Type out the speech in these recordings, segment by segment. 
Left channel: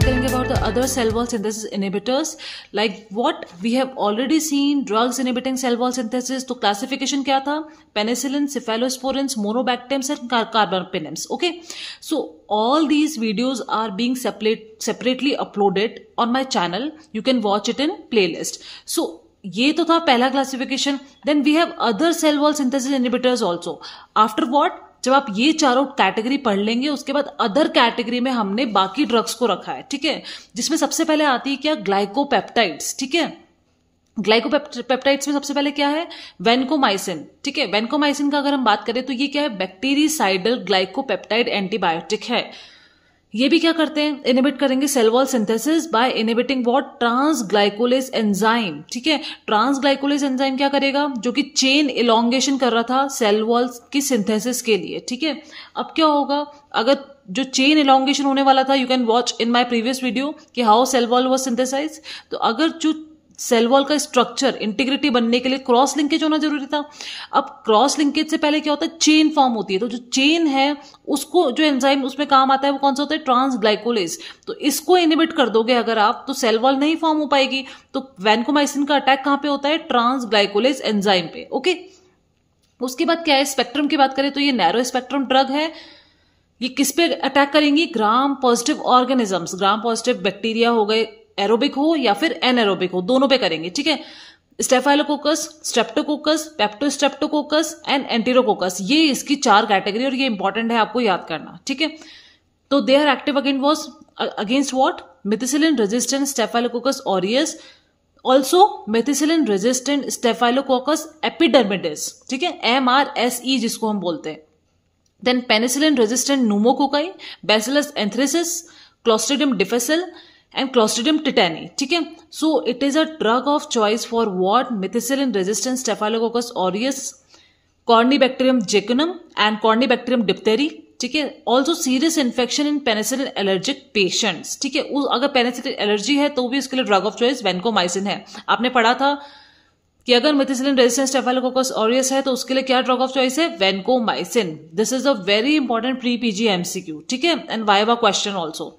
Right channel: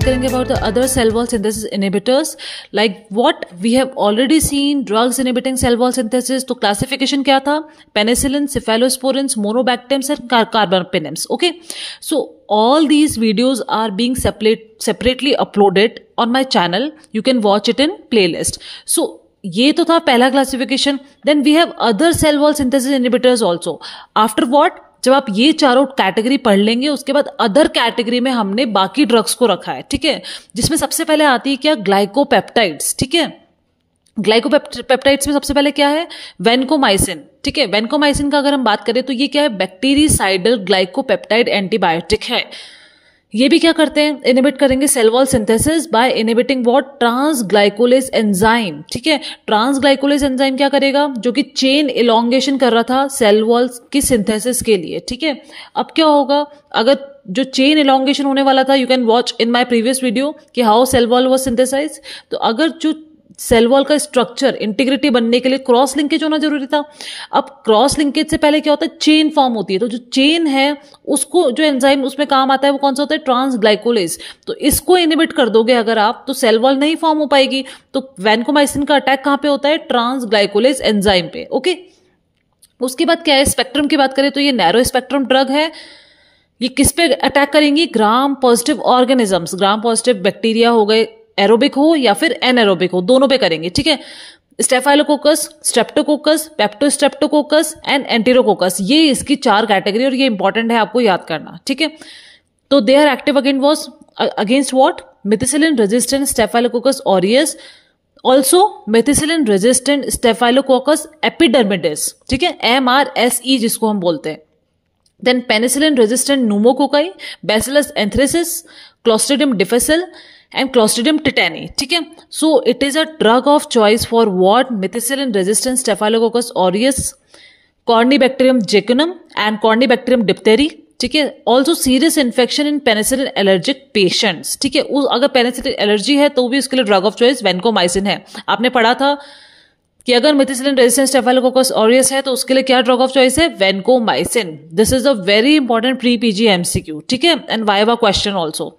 बात करेंगे about the other cell wall synthesis inhibitors like what we have already seen drugs inhibiting cell wall synthesis. तो classification क्या था? Penicillin, cephalosporins, monobactams and carbapenems. Okay, so all these videos are being separately uploaded on my channel. You can watch it in playlist. So ये तो था पहला classification. Then we have other cell wall synthesis inhibitors also. After what, जब आप ये चारों category पढ़ लेंगे उसके बाद अदर कैटेगरी में हमने बाकी ड्रग्स को रखा है. ठीक है, जिसमें सबसे पहले आती है क्या? ग्लाइकोपेप्टाइड्स. ठीक है, ग्लाइकोपेप्टाइड्स में सबसे पहले क्या है? वेनकोमाइसिन. ठीक है, वेनकोमाइसिन का अगर हम बात करें तो ये क्या है? बैक्टीरिसाइडल ग्लाइकोपेप्टाइड एंटीबायोटिक है. ये भी क्या करते हैं? इनहिबिट करेंगे cell wall synthesis by inhibiting what? Transglycosylase enzyme. ठीक है, ट्रांसग्लाइकोलेज एंजाइम क्या करेगा? जो कि चेन इलोंगेशन कर रहा था सेल वॉल की सिंथेसिस के लिए. ठीक है, अब क्या होगा? अगर जो चेन इलोंगेशन होने वाला था, you can watch in my previous video कि how cell wall was synthesized. तो अगर जो सेल वॉल का स्ट्रक्चर इंटीग्रिटी बनने के लिए क्रॉस लिंकेज होना जरूरी था. अब क्रॉस लिंकेज से पहले क्या होता है? चेन फॉर्म होती है. तो जो चेन है उसको, जो एंजाइम उसमें काम आता है वो कौन सा होता है? ट्रांसग्लाइकोलेज. तो इसको इनहिबिट कर दोगे अगर आप, तो सेल वॉल नहीं फॉर्म हो पाएगी. तो वैनकोमाइसिन का अटैक कहां पे होता है? ट्रांसग्लाइकोलेज एंजाइम पे. ओके, उसके बाद क्या है? स्पेक्ट्रम की बात करें तो ये नैरो स्पेक्ट्रम ड्रग है. ये किस पे अटैक करेंगी? Gram positive organisms. ग्राम पॉजिटिव बैक्टीरिया हो गए, एरोबिक हो या फिर एनएरोबिक हो, दोनों पे करेंगे. ठीक है, staphylococcus, Streptococcus, Peptostreptococcus and enterococcus, ये इसकी 4 कैटेगरी और ये इंपॉर्टेंट है आपको याद करना. ठीक है, तो they are active against what? Methicillin resistant staphylococcus aureus, also methicillin resistant staphylococcus epidermidis. ठीक है, MRSE जिसको हम बोलते हैं. Then penicillin resistant pneumococci, bacillus anthracis, clostridium difficile and Clostridium tetani. ठीक है, so it is a drug of choice for what? Methicillin resistant Staphylococcus aureus, Corynebacterium jejunum and Corynebacterium diphtheria. ठीक है, also serious infection in penicillin allergic patients. ठीक है, अगर penicillin allergy है तो भी उसके लिए ड्रग ऑफ चॉइस वेनकोमाइसिन है. आपने पढ़ा था कि अगर मेथिसिलिन रेजिस्टेंट स्टेफाइलोकोकस ऑरियस है तो उसके लिए क्या ड्रग ऑफ चॉइस है? Vancomycin. This is a very important pre PG MCQ. ठीक है, एंड वाइवा क्वेश्चन ऑल्सो.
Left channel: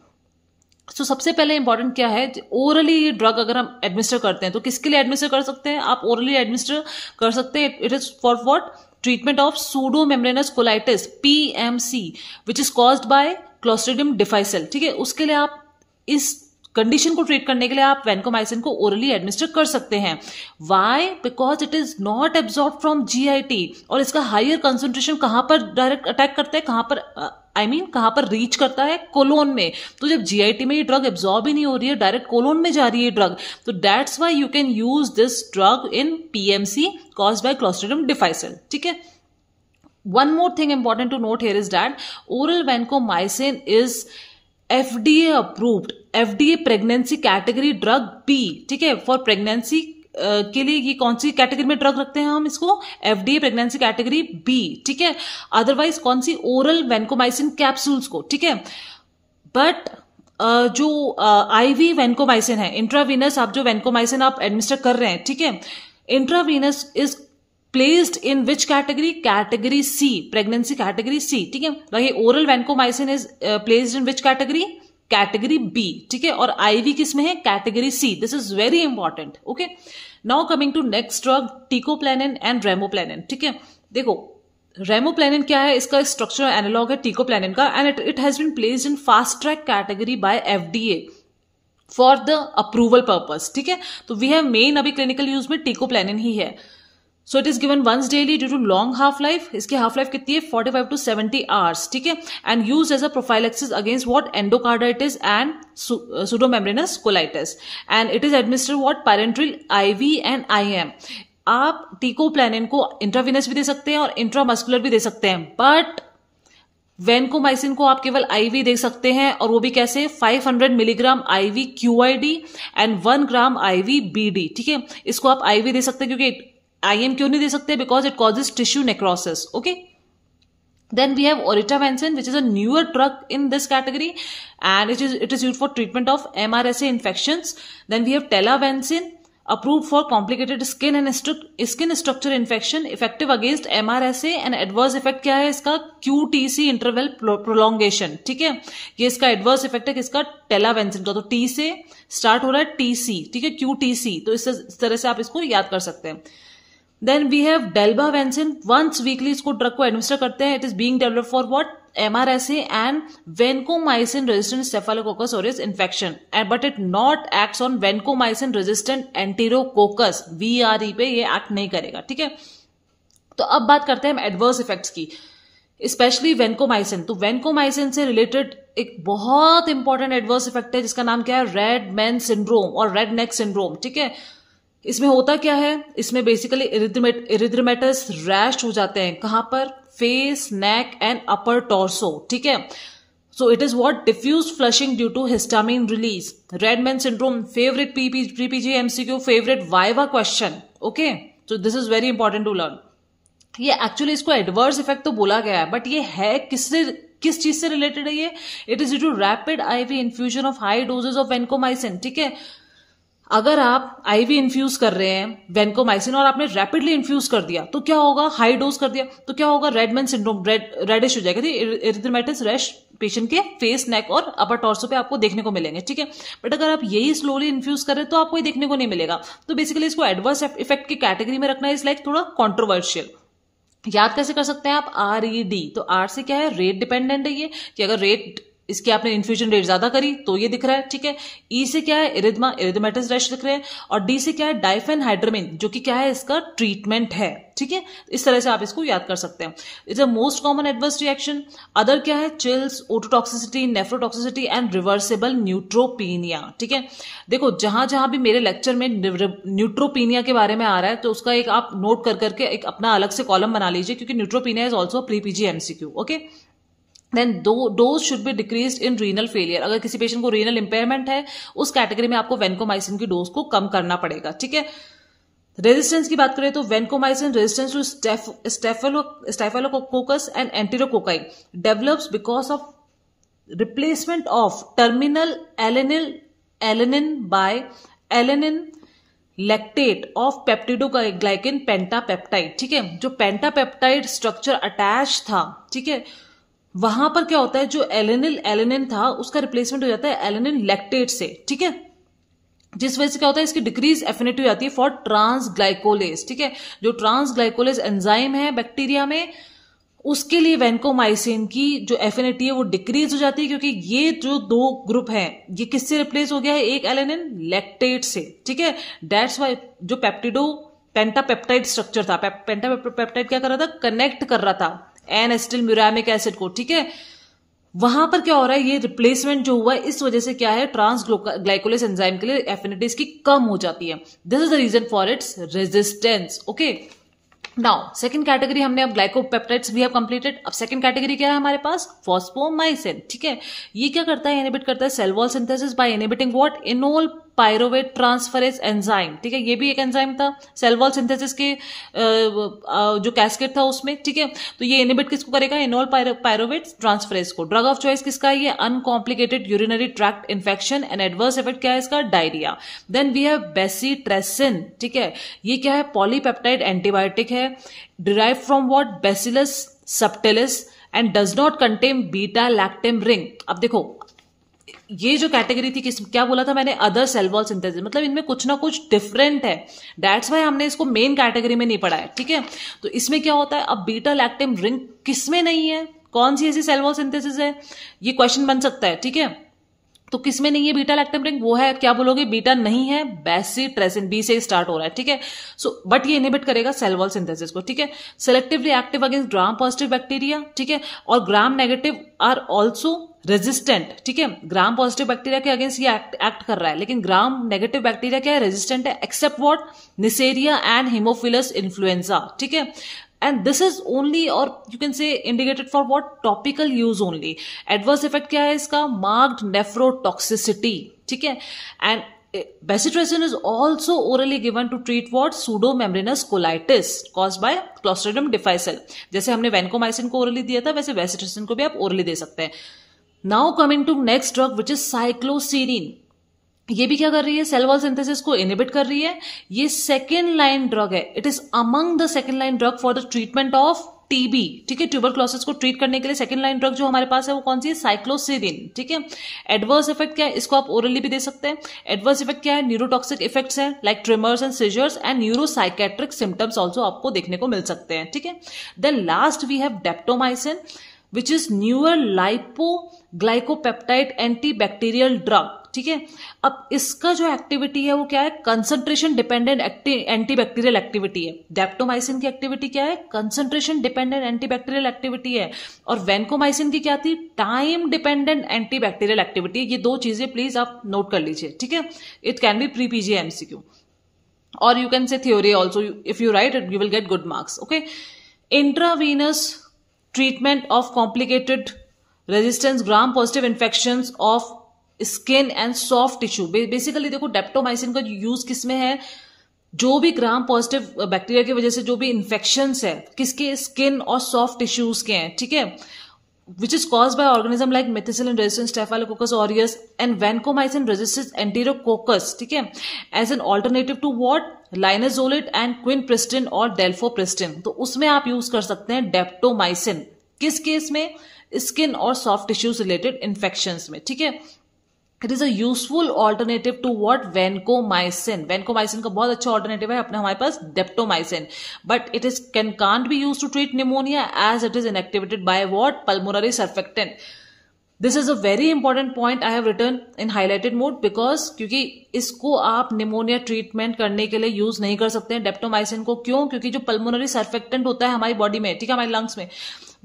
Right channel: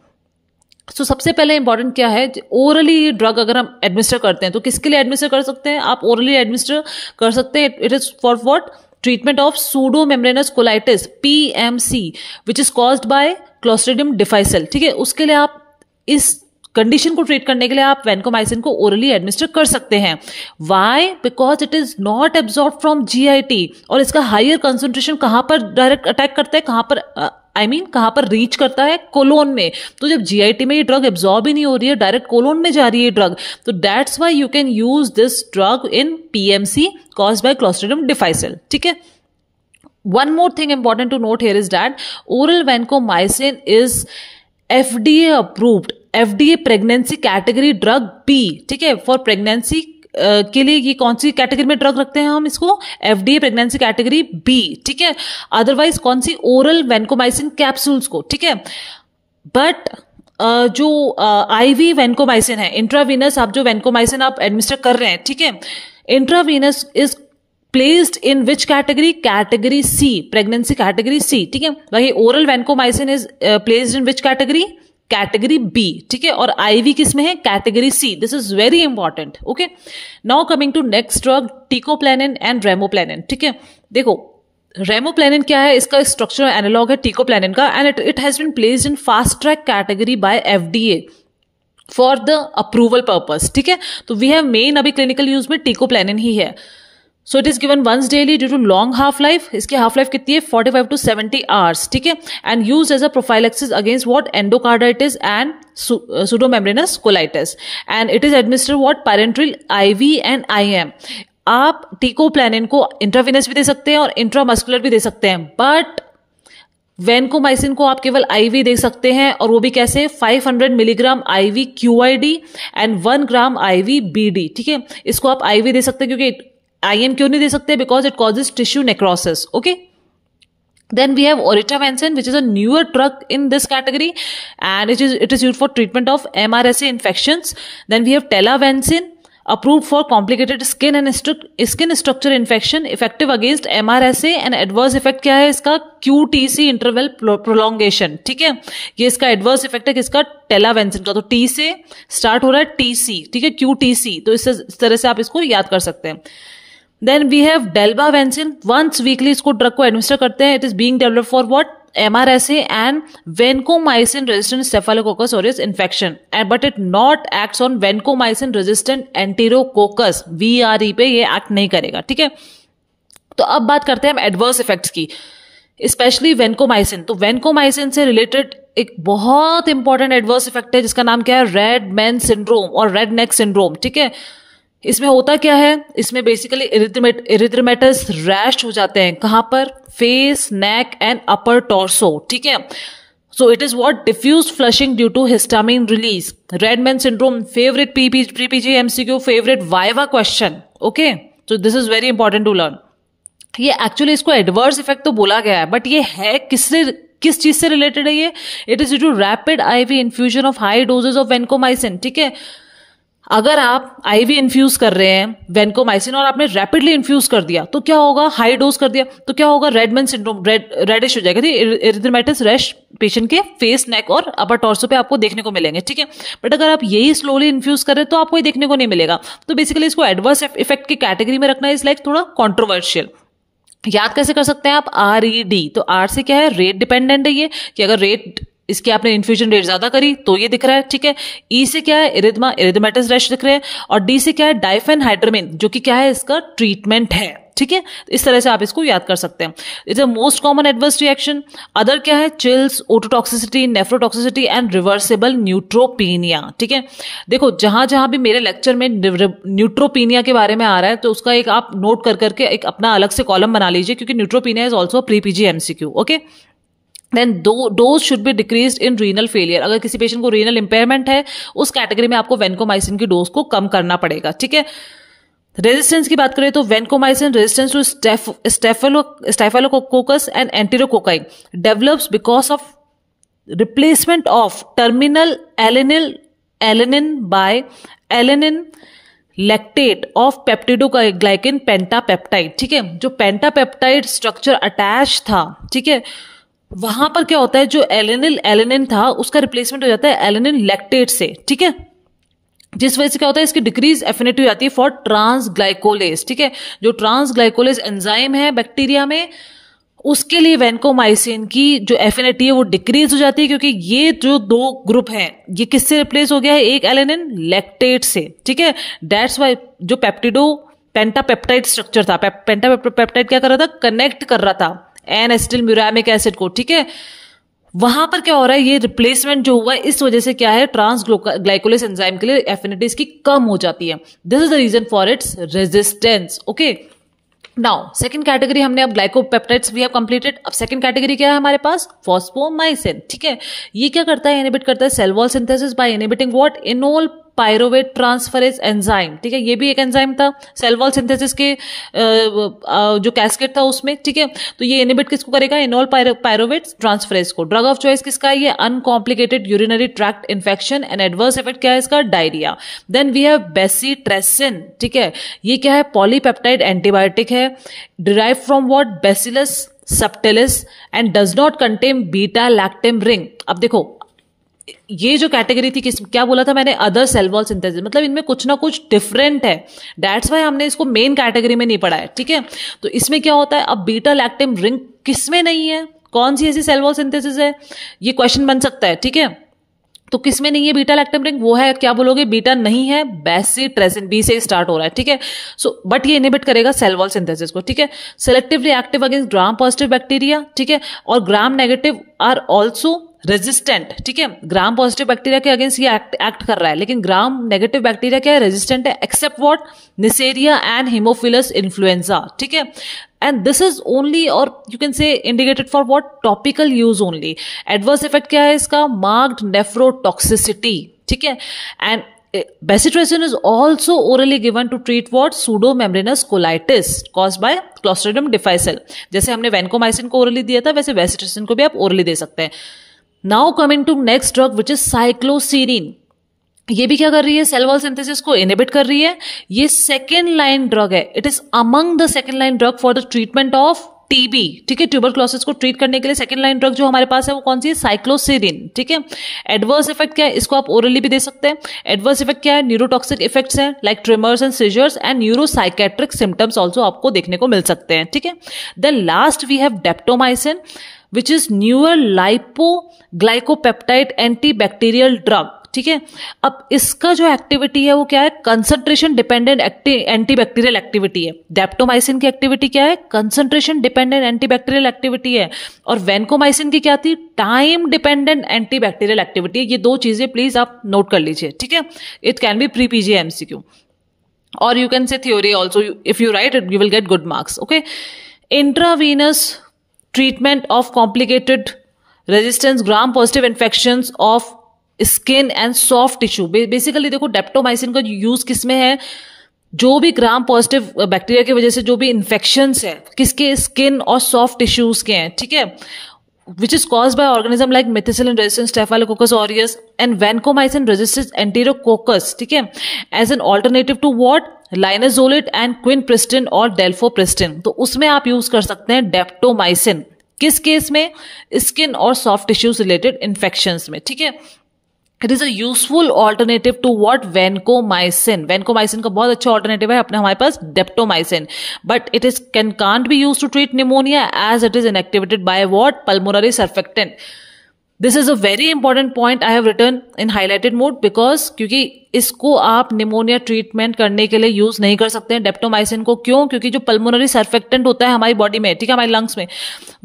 तो सबसे पहले इंपॉर्टेंट क्या है? ओरली ड्रग अगर हम एडमिनिस्टर करते हैं तो किसके लिए एडमिनिस्टर कर सकते हैं? आप ओरली एडमिनिस्टर कर सकते हैं. It is for what? Treatment of pseudo membranes colitis, PMC, which is caused by Clostridium difficile. ठीक है, उसके लिए आप इस कंडीशन को ट्रीट करने के लिए आप वेनकोमाइसिन को ओरली एडमिनिस्टर कर सकते हैं. Why? Because it is not absorb from GIT और इसका हायर कंसंट्रेशन कहां पर डायरेक्ट अटैक करता है? कहां पर कहां पर रीच करता है? कोलोन में. तो जब GIT में ये ड्रग एब्जॉर्ब ही नहीं हो रही है, डायरेक्ट कोलोन में जा रही है ड्रग, तो that's why you can use this drug in PMC caused by Clostridium difficile. ठीक है, one more thing important to note here is that oral vancomycin is FDA approved, FDA pregnancy category drug B. ठीक है, for pregnancy के लिए ये कौन सी category में drug रखते हैं हम इसको? FDA pregnancy category B. ठीक है, अदरवाइज कौन सी? ओरल वेनकोमाइसिन कैप्सूल्स को. ठीक है, बट जो IV वेनकोमाइसिन है, इंट्रावीनस आप जो वेनकोमाइसिन आप एडमिनिस्टर कर रहे हैं, ठीक है, intravenous is placed in which category? Category C, pregnancy category C. ठीक है, वही oral vancomycin is placed in which category? Category B. ठीक है, और IV किस में है? Category C. This is very important. Okay, now coming to next drug, teicoplanin and ramoplanin. ठीक है, देखो रेमोप्लेनिन क्या है? इसका स्ट्रक्चर एनालॉग है टिकोप्लेनिन का and it has been placed in fast track category by FDA for the approval purpose. ठीक है, तो वी हैव मेन अभी क्लिनिकल यूज में टिकोप्लेनिन ही है. So it is given once daily due to long half life. इसकी half life कितनी है? 45 to 70 आवर्स. ठीक है, and use as a prophylaxis against what? Endocarditis and pseudomembranous colitis. And it is administered what? Parenteral, IV and IM. आप टिकोप्लेनिन को intravenous भी दे सकते हैं और इंट्रामस्कुलर भी दे सकते हैं, बट वेनकोमाइसिन को आप केवल IV दे सकते हैं, और वो भी कैसे? 500 milligram IV QID and 1 gram IV BD. ठीक है, इसको आप IV दे सकते हैं. क्योंकि IM क्यों नहीं दे सकते? Because it causes tissue necrosis. Okay, then we have oritavancin, which is a newer drug in this category, and it is used for treatment of MRSA infections. Then we have telavancin, approved for complicated skin and skin structure infection, effective against MRSA and adverse effect क्या है इसका QTC interval prolongation, ठीक है, ये इसका adverse effect है किसका, टेलावेंसिन का, तो T से स्टार्ट हो रहा है TC, ठीक है, QTC, तो इस तरह से आप इसको याद कर सकते हैं. Then we have dalbavancin, once weekly इसको ड्रग को एडमिनिस्टर करते हैं. It is being developed for what, MRSA and vancomycin resistant staphylococcus aureus infection, but it not acts on vancomycin resistant enterococcus, VRE पे ये एक्ट नहीं करेगा, ठीक है. तो अब बात करते हैं हम एडवर्स इफेक्ट्स की, स्पेशली वेंकोमाइसिन. तो वेंकोमाइसिन से रिलेटेड एक बहुत इंपॉर्टेंट एडवर्स इफेक्ट है जिसका नाम क्या है, रेड मैन सिंड्रोम और रेड नेक सिंड्रोम, ठीक है. इसमें होता क्या है, इसमें बेसिकली इरिथ्मेटस रैश हो जाते हैं, कहां पर, face, neck and upper torso, ठीक है. So it is what, diffuse flushing due to histamine release. Red man syndrome, favourite pre PG MCQ, favourite viva question, okay. So this is very important to learn. ये actually इसको adverse effect तो बोला गया है, but ये है किस चीज से रिलेटेड है ये, it is due to rapid IV infusion of high doses of vancomycin, ठीक है. अगर आप आईवी इन्फ्यूज कर रहे हैं वेंकोमाइसिन और आपने रैपिडली इन्फ्यूज कर दिया तो क्या होगा, हाई डोज कर दिया तो क्या होगा, रेडमैन सिंड्रोम, रेडिश हो जाएगा, इरिथ्मेटस रैश पेशेंट के फेस, नेक और अपर टॉर्सो पे आपको देखने को मिलेंगे, ठीक है. बट अगर आप यही स्लोली इन्फ्यूज करें तो आपको ये देखने को नहीं मिलेगा. तो बेसिकली इसको एडवर्स इफेक्ट की कैटेगरी में रखना इज लाइक थोड़ा कॉन्ट्रोवर्शियल. याद कैसे कर सकते हैं आप, RED. तो R से क्या है, रेट डिपेंडेंट है ये, कि अगर रेट इसकी आपने इन्फ्यूजन रेट ज्यादा करी तो ये दिख रहा है, ठीक है. E से क्या है, इरिथमेटस रैश दिख रहे हैं. और D से क्या है, डाइफेनहाइड्रामिन, जो कि क्या है, इसका ट्रीटमेंट है, ठीक है. इस तरह से आप इसको याद कर सकते हैं. It's a most common adverse reaction. Other क्या है, chills, ototoxicity, nephrotoxicity and reversible neutropenia, ठीक है. देखो जहां जहां भी मेरे लेक्चर में न्यूट्रोपीनिया के बारे में आ रहा है तो उसका एक आप नोट कर करके एक अपना अलग से कॉलम बना लीजिए, क्योंकि neutropenia is also pre PG MCQ, okay. Then dose should be decreased in renal failure. अगर किसी पेशेंट को रीनल इंपेयरमेंट है उस कैटेगरी में आपको वेंकोमाइसिन की डोज को कम करना पड़ेगा, ठीक है. रेजिस्टेंस की बात करें तो vancomycin resistance to staphylococcus and enterococci develops because of replacement of terminal alanine by alanine lactate of peptidoglycan pentapeptide, ठीक है. जो पेंटापेप्टाइड स्ट्रक्चर अटैच था, ठीक है, वहां पर क्या होता है, जो एलेनिन था उसका रिप्लेसमेंट हो जाता है एलेनिन लैक्टेट से, ठीक है. जिस वजह से क्या होता है, इसकी डिक्रीज एफिनिटी हो जाती है फॉर ट्रांसग्लाइकोलेज, ठीक है. जो ट्रांसग्लाइकोलेज एंजाइम है बैक्टीरिया में, उसके लिए वेंकोमाइसिन की जो एफिनिटी है वो डिक्रीज हो जाती है, क्योंकि ये जो दो ग्रुप हैं ये किससे रिप्लेस हो गया है, एक एलेनिन लैक्टेट से, ठीक है. दैट्स वाई जो पेंटापेप्टाइड स्ट्रक्चर था, पेंटापेप्टाइड क्या कर रहा था, कनेक्ट कर रहा था एन एसिटिल म्यूरामिक एसिड को, ठीक है. वहां पर क्या हो रहा है, ये रिप्लेसमेंट जो हुआ है इस वजह से क्या है, ट्रांसग्लाइकोलेज एंजाइम के लिए एफिनिटी इसकी कम हो जाती है. This is the reason for its resistance, okay. Now second category हमने अब ग्लाइकोपेप्टाइड्स वी हैव कंप्लीटेड. अब सेकंड कैटेगरी क्या है हमारे पास, फॉस्फोमाइसिन, ठीक है. ये क्या करता है, इनहिबिट करता है cell wall synthesis by inhibiting what, enol pyruvate transferase enzyme, ठीक है. ये भी एक एंजाइम था सेल वॉल सिंथेसिस के जो कैस्केड था उसमें, ठीक है. तो ये इनहिबिट किसको करेगा, इनोल पायरोवेट ट्रांसफरेज को. ड्रग ऑफ चॉइस किसका है, ये uncomplicated urinary tract infection and adverse effect क्या है इसका, diarrhoea. Then we have bacitracin, ठीक है. ये क्या है, पॉलीपेप्टाइड एंटीबायोटिक है, derive from what, bacillus subtilis and does not contain beta lactam ring. अब देखो ये जो कैटेगरी थी क्या बोला था मैंने, अदर सेल वॉल सिंथेसिस, मतलब इनमें कुछ ना कुछ डिफरेंट है. दैट्स वाई हमने इसको मेन कैटेगरी में नहीं पढ़ा है, ठीक है. तो इसमें क्या होता है, अब बीटा लैक्टम रिंग किसमें नहीं है, कौन सी ऐसी सेल वॉल सिंथेसिस है, ये क्वेश्चन बन सकता है, ठीक है. तो किसमें नहीं है बीटा लैक्टम रिंग, वो है क्या बोलोगे, बीटा नहीं है, बेसिट्रेसिन, बी से स्टार्ट हो रहा है, ठीक है. सो बट ये इनहिबिट करेगा सेल वॉल सिंथेसिस को, ठीक है. Selectively active against gram positive bacteria, ठीक है. और gram negative are also resistant, ठीक है. ग्राम पॉजिटिव बैक्टीरिया के अगेंस्ट ये एक्ट कर रहा है, लेकिन ग्राम नेगेटिव बैक्टीरिया क्या है, रेजिस्टेंट है, except what, neisseria and haemophilus influenzae, ठीक है. And this is only, or you can say indicated for what, topical use only. Adverse effect क्या है इसका, marked nephrotoxicity, ठीक है. And bezitracin is also orally given to treat what, pseudomembranous colitis caused by Clostridium difficile. जैसे हमने vancomycin को orally दिया था, वैसे bezitracin को भी आप orally दे सकते हैं. Now coming to next drug which is cycloserine. ये भी क्या कर रही है, सेल वॉल सिंथेसिस को इनहिबिट कर रही है। ये सेकेंड लाइन ड्रग है, it is among the second line drug for the treatment of TB, ठीक है। ट्यूबरक्लोसिस को ट्रीट करने के लिए सेकेंड लाइन ड्रग जो हमारे पास है वो कौन सी है, साइक्लोसिडिन, ठीक है। एडवर्स इफेक्ट क्या है, इसको आप ओरली भी दे सकते हैं। एडवर्स इफेक्ट क्या है, न्यूरोटॉक्सिक इफेक्ट्स है like tremors and seizures and neuropsychiatric symptoms also आपको देखने को मिल सकते हैं, ठीक है। Then last we have daptomycin which is newer lipoglycopeptide antibacterial drug, ठीक है। अब इसका जो एक्टिविटी है वो क्या है, कंसंट्रेशन डिपेंडेंट एंटीबैक्टीरियल एक्टिविटी है। डेप्टोमाइसिन की एक्टिविटी क्या है, कंसंट्रेशन डिपेंडेंट एंटीबैक्टीरियल एक्टिविटी है। और वेनकोमाइसिन की क्या थी, टाइम डिपेंडेंट एंटीबैक्टीरियल एक्टिविटी। ये दो चीजें प्लीज आप नोट कर लीजिए, ठीक है। It can be pre PG MCQ और you can say theory also, if you write it you will get good marks, okay. Intravenous treatment of complicated resistance gram positive infections of skin and soft tissue। Basically देखो daptomycin का use किसमें है, जो भी ग्राम positive bacteria की वजह से जो भी इन्फेक्शंस है किसके, स्किन और सॉफ्ट टिश्यूज के हैं, ठीक है, which is caused by organism like methicillin resistant staphylococcus aureus and vancomycin resistant enterococcus, ठीक है, as an alternative to what, linezolid and quinpristin और delphopristin। तो उसमें आप यूज कर सकते हैं डेप्टोमाइसिन, किस केस में, स्किन और सॉफ्ट टिश्यूज रिलेटेड इन्फेक्शंस में, ठीक है। It is a useful alternative to what, vancomycin. Vancomycin का बहुत अच्छा ऑल्टरनेटिव है अपने हमारे पास daptomycin, but it is can't be use to treat pneumonia as it is inactivated by what, pulmonary surfactant. This is a very important point I have written in highlighted mode because क्योंकि इसको आप pneumonia treatment करने के लिए use नहीं कर सकते हैं डेप्टोमाइसिन को। क्यों, क्योंकि जो पल्मोनरी सर्फेक्टेंट होता है हमारी बॉडी में, ठीक है, हमारे लंग्स में,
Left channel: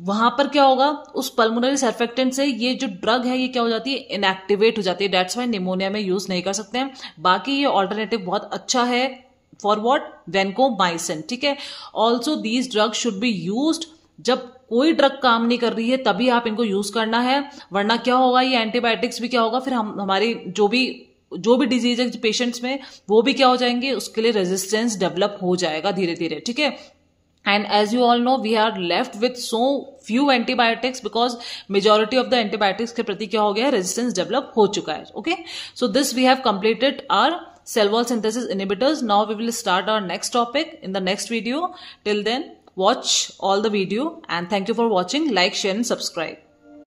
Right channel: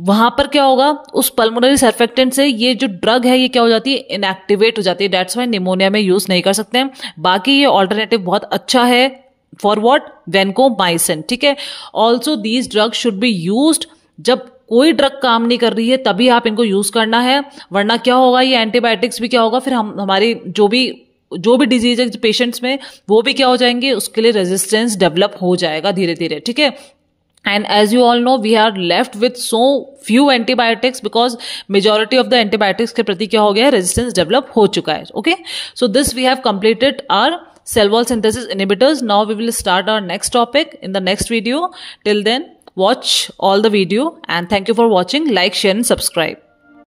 वहां पर क्या होगा, उस पल्मोनरी सर्फेक्टेंट से ये जो ड्रग है ये क्या हो जाती है, इनएक्टिवेट हो जाती है। दैट्स वाई निमोनिया में यूज नहीं कर सकते हैं। बाकी ये ऑल्टरनेटिव बहुत अच्छा है फॉर व्हाट, वेनकोमाइसिन, ठीक है। Also these drug should be used जब कोई ड्रग काम नहीं कर रही है तभी आप इनको यूज करना है, वरना क्या होगा, ये एंटीबायोटिक्स भी क्या होगा, फिर हमारी जो भी डिजीज है पेशेंट्स में वो भी क्या हो जाएंगे, उसके लिए रेजिस्टेंस डेवलप हो जाएगा धीरे धीरे, ठीक है। And as you all know, we are left with so few antibiotics because majority of the antibiotics के प्रति क्या हो गया, resistance develop हो चुका है, okay? So this we have completed our cell wall synthesis inhibitors. Now we will start our next topic in the next video. Till then, watch all the video and thank you for watching. Like, share and subscribe.